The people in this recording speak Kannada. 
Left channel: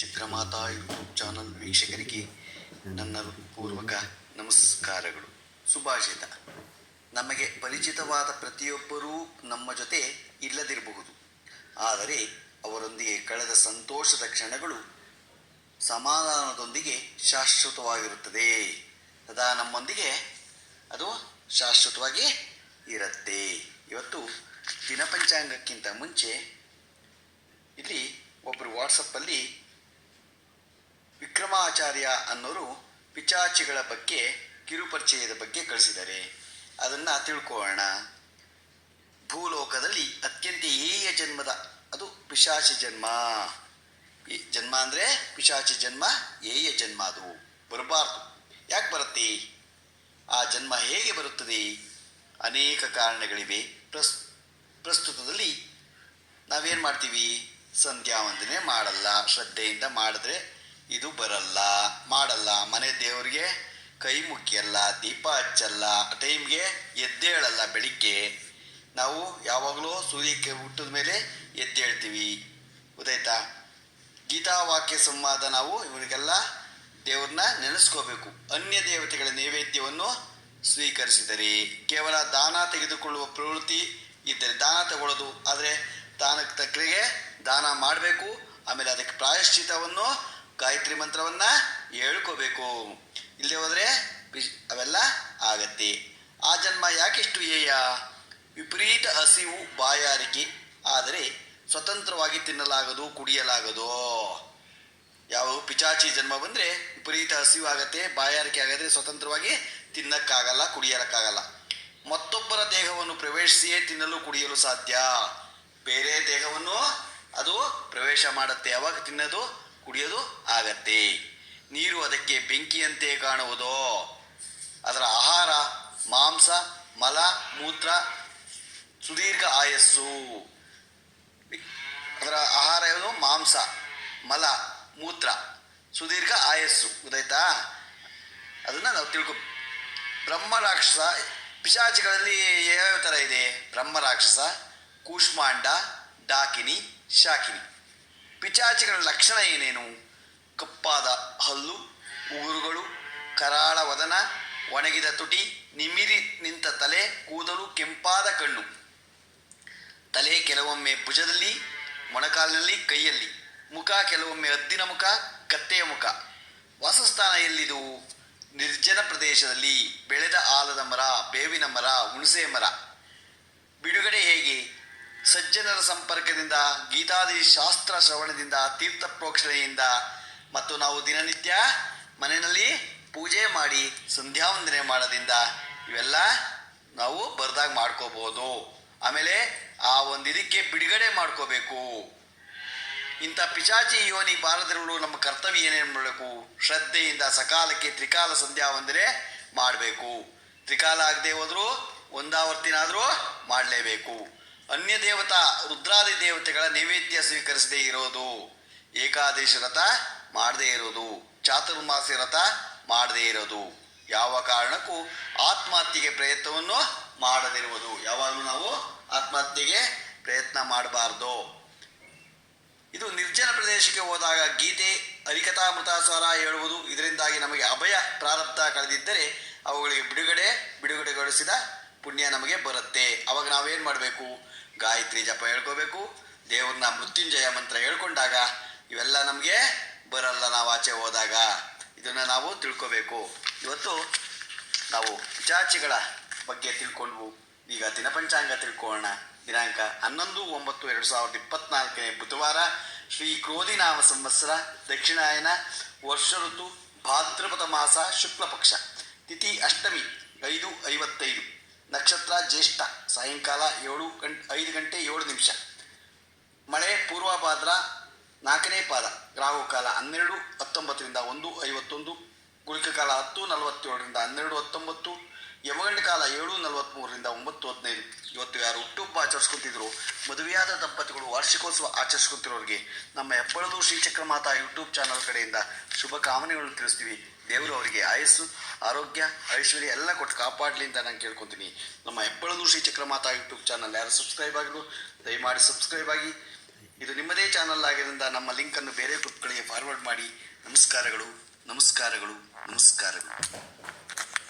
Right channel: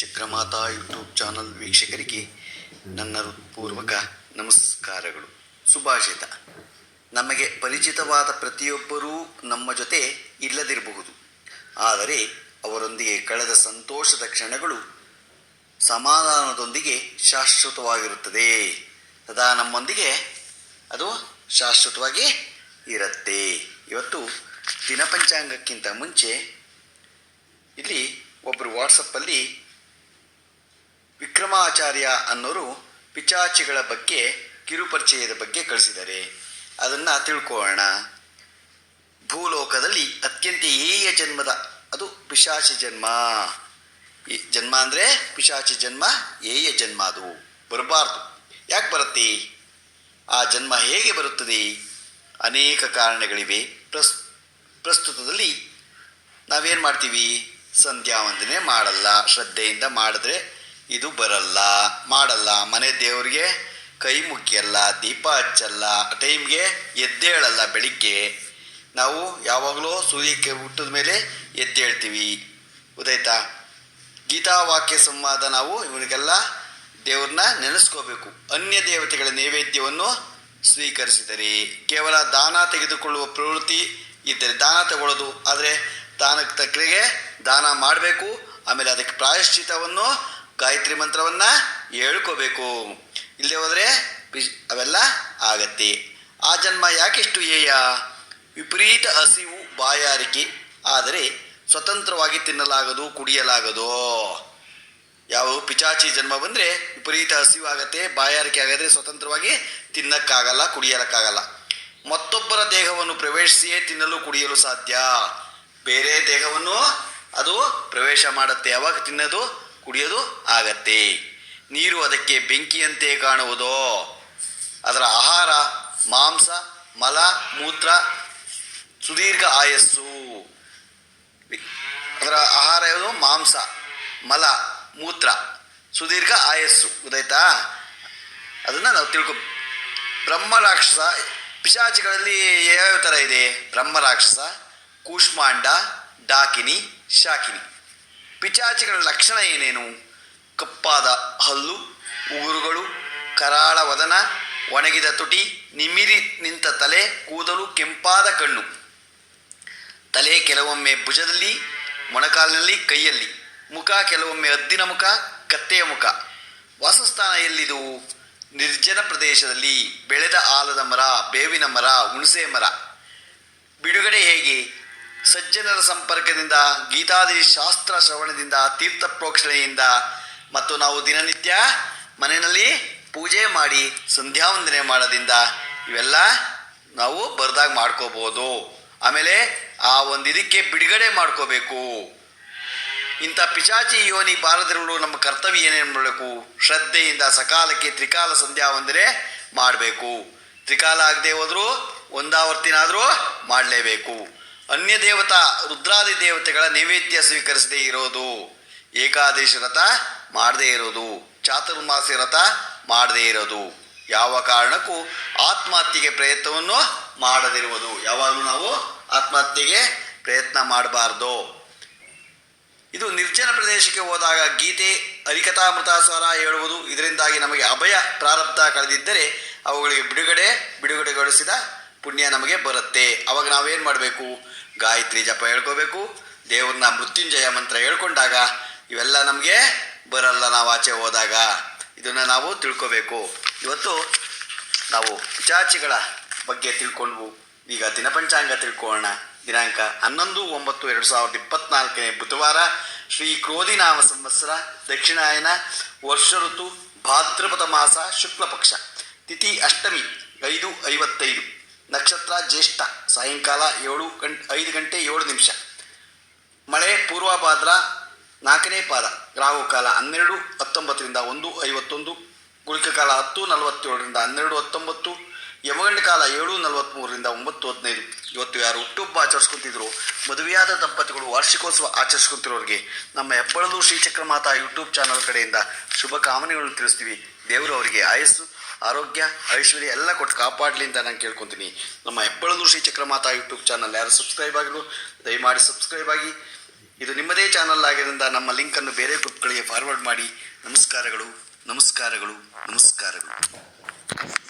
ಚಕ್ರಮಾತಾ ಯೂಟ್ಯೂಬ್ ಚಾನಲ್ ವೀಕ್ಷಕರಿಗೆ ನನ್ನ ಹೃತ್ಪೂರ್ವಕ ನಮಸ್ಕಾರಗಳು. ಸುಭಾಷಿತ. ನಮಗೆ ಪರಿಚಿತವಾದ ಪ್ರತಿಯೊಬ್ಬರೂ ನಮ್ಮ ಜೊತೆ ಇಲ್ಲದಿರಬಹುದು, ಆದರೆ ಅವರೊಂದಿಗೆ ಕಳೆದ ಸಂತೋಷದ ಕ್ಷಣಗಳು ಸಮಾಧಾನದೊಂದಿಗೆ ಶಾಶ್ವತವಾಗಿರುತ್ತದೆ. ಸದಾ ನಮ್ಮೊಂದಿಗೆ ಅದು ಶಾಶ್ವತವಾಗಿ ಇರುತ್ತೆ. ಇವತ್ತು ದಿನಪಂಚಾಂಗಕ್ಕಿಂತ ಮುಂಚೆ ಇಲ್ಲಿ ಒಬ್ಬರು ವಾಟ್ಸಪ್ಪಲ್ಲಿ ವಿಕ್ರಮಾಚಾರ್ಯ ಅನ್ನೋರು ಪಿಚಾಚಿಗಳ ಬಗ್ಗೆ ಕಿರುಪರಿಚಯದ ಬಗ್ಗೆ ಕಳಿಸಿದ್ದಾರೆ. ಅದನ್ನು ತಿಳ್ಕೊಳ್ಳೋಣ. ಭೂಲೋಕದಲ್ಲಿ ಅತ್ಯಂತ ಹೇಯ ಜನ್ಮದ ಅದು ಪಿಶಾಚಿ ಜನ್ಮ. ಜನ್ಮ ಅಂದರೆ ಪಿಶಾಚಿ ಜನ್ಮ, ಹೇಯ ಜನ್ಮ. ಅದು ಬರಬಾರ್ದು. ಯಾಕೆ ಬರುತ್ತೆ? ಆ ಜನ್ಮ ಹೇಗೆ ಬರುತ್ತದೆ? ಅನೇಕ ಕಾರಣಗಳಿವೆ. ಪ್ರಸ್ತುತದಲ್ಲಿ ನಾವೇನು ಮಾಡ್ತೀವಿ? ಸಂಧ್ಯಾ ವಂದನೆ ಮಾಡಲ್ಲ, ಶ್ರದ್ಧೆಯಿಂದ ಮಾಡಿದ್ರೆ ಇದು ಬರಲ್ಲ, ಮಾಡಲ್ಲ. ಮನೆ ದೇವರಿಗೆ ಕೈ ಮುಗಿಯಲ್ಲ, ದೀಪ ಹಚ್ಚಲ್ಲ, ಟೈಮ್ಗೆ ಎದ್ದೇಳಲ್ಲ. ಬೆಳಿಗ್ಗೆ ನಾವು ಯಾವಾಗಲೂ ಸೂರ್ಯಕ್ಕೆ ಹುಟ್ಟಿದ ಮೇಲೆ ಎದ್ದೇಳ್ತೀವಿ. ಗೊತ್ತಾಯ್ತಾ? ಗೀತಾವಾಕ್ಯ ಸಂವಾದ ನಾವು ಇವನಿಗೆಲ್ಲ ದೇವ್ರನ್ನ ನೆನೆಸ್ಕೋಬೇಕು. ಅನ್ಯ ದೇವತೆಗಳ ನೈವೇದ್ಯವನ್ನು ಸ್ವೀಕರಿಸಿದರೆ, ಕೇವಲ ದಾನ ತೆಗೆದುಕೊಳ್ಳುವ ಪ್ರವೃತ್ತಿ ಇದ್ದರೆ ದಾನ ತಗೊಳ್ಳೋದು, ಆದರೆ ದಾನಕ್ಕೆ ತಕ್ಕರಿಗೆ ದಾನ ಮಾಡಬೇಕು. ಆಮೇಲೆ ಅದಕ್ಕೆ ಪ್ರಾಯಶ್ಚಿತವನ್ನು ಗಾಯತ್ರಿ ಮಂತ್ರವನ್ನು ಹೇಳ್ಕೋಬೇಕು. ಇಲ್ಲದೆ ಹೋದರೆ ಅವೆಲ್ಲ ಆಗತ್ತೆ. ಆ ಜನ್ಮ ಯಾಕೆಷ್ಟು ಹೇಯ? ವಿಪರೀತ ಹಸಿವು, ಬಾಯಾರಿಕೆ, ಆದರೆ ಸ್ವತಂತ್ರವಾಗಿ ತಿನ್ನಲಾಗದು, ಕುಡಿಯಲಾಗದು. ಯಾವ ಪಿಚಾಚಿ ಜನ್ಮ ಬಂದರೆ ವಿಪರೀತ ಹಸಿವು ಆಗತ್ತೆ, ಬಾಯಾರಿಕೆ ಆಗದ್ರೆ ಸ್ವತಂತ್ರವಾಗಿ ತಿನ್ನಕ್ಕಾಗಲ್ಲ, ಕುಡಿಯಲಕ್ಕಾಗಲ್ಲ. ಮತ್ತೊಬ್ಬರ ದೇಹವನ್ನು ಪ್ರವೇಶಿಸಿಯೇ ತಿನ್ನಲು ಕುಡಿಯಲು ಸಾಧ್ಯ. ಬೇರೆ ದೇಹವನ್ನು ಅದು ಪ್ರವೇಶ ಮಾಡುತ್ತೆ, ಯಾವಾಗ ತಿನ್ನೋದು ಕುಡಿಯೋದು ಆಗತ್ತೆ. ನೀರು ಅದಕ್ಕೆ ಬೆಂಕಿಯಂತೆ ಕಾಣುವುದು. ಅದರ ಆಹಾರ ಮಾಂಸ, ಮಲ, ಮೂತ್ರ, ಸುದೀರ್ಘ ಆಯಸ್ಸು. ಅದರ ಆಹಾರ ಯಾವುದು? ಮಾಂಸ, ಮಲ, ಮೂತ್ರ, ಸುದೀರ್ಘ ಆಯಸ್ಸು. ಗೊತ್ತಾಯ್ತಾ? ಅದನ್ನು ನಾವು ತಿಳ್ಕೊ. ಬ್ರಹ್ಮ ರಾಕ್ಷಸ, ಪಿಶಾಚಿಗಳಲ್ಲಿ ಯಾವ್ಯಾವ ಥರ ಇದೆ? ಬ್ರಹ್ಮ ರಾಕ್ಷಸ, ಕೂಷ್ಮಾಂಡ, ಡಾಕಿನಿ, ಶಾಕಿನಿ. ಪಿಚಾಚಿಗಳ ಲಕ್ಷಣ ಏನೇನು? ಕಪ್ಪಾದ ಹಲ್ಲು, ಉಗುರುಗಳು, ಕರಾಳ ವದನ, ಒಣಗಿದ ತುಟಿ, ನಿಮಿರಿ ನಿಂತ ತಲೆ, ಕೂದಲು, ಕೆಂಪಾದ ಕಣ್ಣು. ತಲೆ ಕೆಲವೊಮ್ಮೆ ಭುಜದಲ್ಲಿ, ಮೊಣಕಾಲಿನಲ್ಲಿ, ಕೈಯಲ್ಲಿ. ಮುಖ ಕೆಲವೊಮ್ಮೆ ಹದ್ದಿನ ಮುಖ, ಕತ್ತೆಯ ಮುಖ. ವಾಸಸ್ಥಾನ ಎಲ್ಲಿದು? ನಿರ್ಜನ ಪ್ರದೇಶದಲ್ಲಿ. ಬೆಳೆದ ಆಲದ ಮರ, ಬೇವಿನ ಮರ, ಹುಣಸೆ ಮರ. ಬಿಡುಗಡೆ ಹೇಗೆ? ಸಜ್ಜನರ ಸಂಪರ್ಕದಿಂದ, ಗೀತಾದಿ ಶಾಸ್ತ್ರ ಶ್ರವಣದಿಂದ, ತೀರ್ಥ ಪ್ರೋಕ್ಷಣೆಯಿಂದ, ಮತ್ತು ನಾವು ದಿನನಿತ್ಯ ಮನೆಯಲ್ಲಿ ಪೂಜೆ ಮಾಡಿ ಸಂಧ್ಯಾವಂದನೆ ಮಾಡೋದ್ರಿಂದ ಇವೆಲ್ಲ ನಾವು ಬರೆದಾಗ ಮಾಡ್ಕೋಬೋದು. ಆಮೇಲೆ ಆ ಒಂದು ಇದಕ್ಕೆ ಬಿಡುಗಡೆ ಮಾಡ್ಕೋಬೇಕು. ಇಂಥ ಪಿಶಾಚಿ ಯೋನಿ ಬಾರದಿರಲು ನಮ್ಮ ಕರ್ತವ್ಯ ಏನೇನು ಮಾಡಬೇಕು? ಶ್ರದ್ಧೆಯಿಂದ ಸಕಾಲಕ್ಕೆ ತ್ರಿಕಾಲ ಸಂಧ್ಯಾವಂದನೆ ಮಾಡಬೇಕು. ತ್ರಿಕಾಲ ಆಗದೆ ಹೋದರೂ ಒಂದಾವರ್ತಿನಾದರೂ ಮಾಡಲೇಬೇಕು. ಅನ್ಯ ದೇವತಾ ರುದ್ರಾದಿ ದೇವತೆಗಳ ನೈವೇದ್ಯ ಸ್ವೀಕರಿಸದೇ ಇರೋದು, ಏಕಾದಶಿ ವ್ರತ ಮಾಡದೇ ಇರೋದು, ಚಾತುರ್ಮಾಸಿ ವ್ರತ ಮಾಡದೇ ಇರೋದು, ಯಾವ ಕಾರಣಕ್ಕೂ ಆತ್ಮಹತ್ಯೆಗೆ ಪ್ರಯತ್ನವನ್ನು ಮಾಡದಿರುವುದು. ಯಾವಾಗಲೂ ನಾವು ಆತ್ಮಹತ್ಯೆಗೆ ಪ್ರಯತ್ನ ಮಾಡಬಾರ್ದು. ಇದು ನಿರ್ಜನ ಪ್ರದೇಶಕ್ಕೆ ಹೋದಾಗ ಗೀತೆ, ಹರಿಕಥಾಮೃತಾಸಾರ ಹೇಳುವುದು. ಇದರಿಂದಾಗಿ ನಮಗೆ ಅಭಯ ಪ್ರಾರಬ್ಧ ಕಳೆದಿದ್ದರೆ ಅವುಗಳಿಗೆ ಬಿಡುಗಡೆಗೊಳಿಸಿದ ಪುಣ್ಯ ನಮಗೆ ಬರುತ್ತೆ. ಅವಾಗ ನಾವೇನು ಮಾಡಬೇಕು? ಗಾಯತ್ರಿ ಜಪ ಹೇಳ್ಕೋಬೇಕು. ದೇವ್ರನ್ನ ಮೃತ್ಯುಂಜಯ ಮಂತ್ರ ಹೇಳ್ಕೊಂಡಾಗ ಇವೆಲ್ಲ ನಮಗೆ ಬರಲ್ಲ. ನಾವು ಆಚೆ ಹೋದಾಗ ಇದನ್ನು ನಾವು ತಿಳ್ಕೋಬೇಕು. ಇವತ್ತು ನಾವು ಪಿಚಾಚಿಗಳ ಬಗ್ಗೆ ತಿಳ್ಕೊಂಡ್ವು. ಈಗ ದಿನಪಂಚಾಂಗ ತಿಳ್ಕೊಳ್ಳೋಣ. ದಿನಾಂಕ 11/9/2024 ಬುಧವಾರ. ಶ್ರೀ ಕ್ರೋಧಿನಾಮ ಸಂವತ್ಸರ, ದಕ್ಷಿಣಾಯನ, ವರ್ಷ ಋತು ಭಾದ್ರಪದ ಮಾಸ, ಶುಕ್ಲ ಪಕ್ಷ, ತಿಥಿ ಅಷ್ಟಮಿ 5:55, ನಕ್ಷತ್ರ ಜ್ಯೇಷ್ಠ, ಸಾಯಂಕಾಲ 5 ಗಂಟೆ 7 ನಿಮಿಷ, ಮಳೆ ಪೂರ್ವಭಾದ್ರ 4ನೇ ಪಾದ, ರಾಹುಕಾಲ 12:19 1:51, ಗುಳಿಕ ಕಾಲ 10:47 12:19, ಯಮಗಂಡ ಕಾಲ 7:43 9:15. ಇವತ್ತು ಯಾರು ಹುಟ್ಟುಹಬ್ಬ ಆಚರಿಸ್ಕೊತಿದ್ರು, ಮದುವೆಯಾದ ದಂಪತಿಗಳು ವಾರ್ಷಿಕೋತ್ಸವ ಆಚರಿಸ್ಕೊತಿರೋರಿಗೆ ನಮ್ಮ ಹೆಬ್ಬಳದು ಶ್ರೀಚಕ್ರಮಾತಾ ಯೂಟ್ಯೂಬ್ ಚಾನಲ್ ಕಡೆಯಿಂದ ಶುಭ ಕಾಮನೆಗಳನ್ನು ತಿಳಿಸ್ತೀವಿ. ದೇವರು ಅವರಿಗೆ ಆಯಸ್ಸು, ಆರೋಗ್ಯ, ಐಶ್ವರ್ಯ ಎಲ್ಲ ಕೊಟ್ಟು ಕಾಪಾಡಲಿ ಅಂತ ನಾನು ಕೇಳ್ಕೊತೀನಿ. ನಮ್ಮ ಹೆಬ್ಬಳದು ಶ್ರೀಚಕ್ರಮಾತಾ ಯೂಟ್ಯೂಬ್ ಚಾನಲ್ ಯಾರು ಸಬ್ಸ್ಕ್ರೈಬ್ ಆಗಿದ್ರು ದಯಮಾಡಿ ಸಬ್ಸ್ಕ್ರೈಬ್ ಆಗಿ. ಇದು ನಿಮ್ಮದೇ ಚಾನಲ್ ಆಗಿದ್ದರಿಂದ ನಮ್ಮ ಲಿಂಕನ್ನು ಬೇರೆ ಗ್ರೂಪ್ಗಳಿಗೆ ಫಾರ್ವರ್ಡ್ ಮಾಡಿ. ನಮಸ್ಕಾರಗಳು, ನಮಸ್ಕಾರಗಳು, ನಮಸ್ಕಾರಗಳು.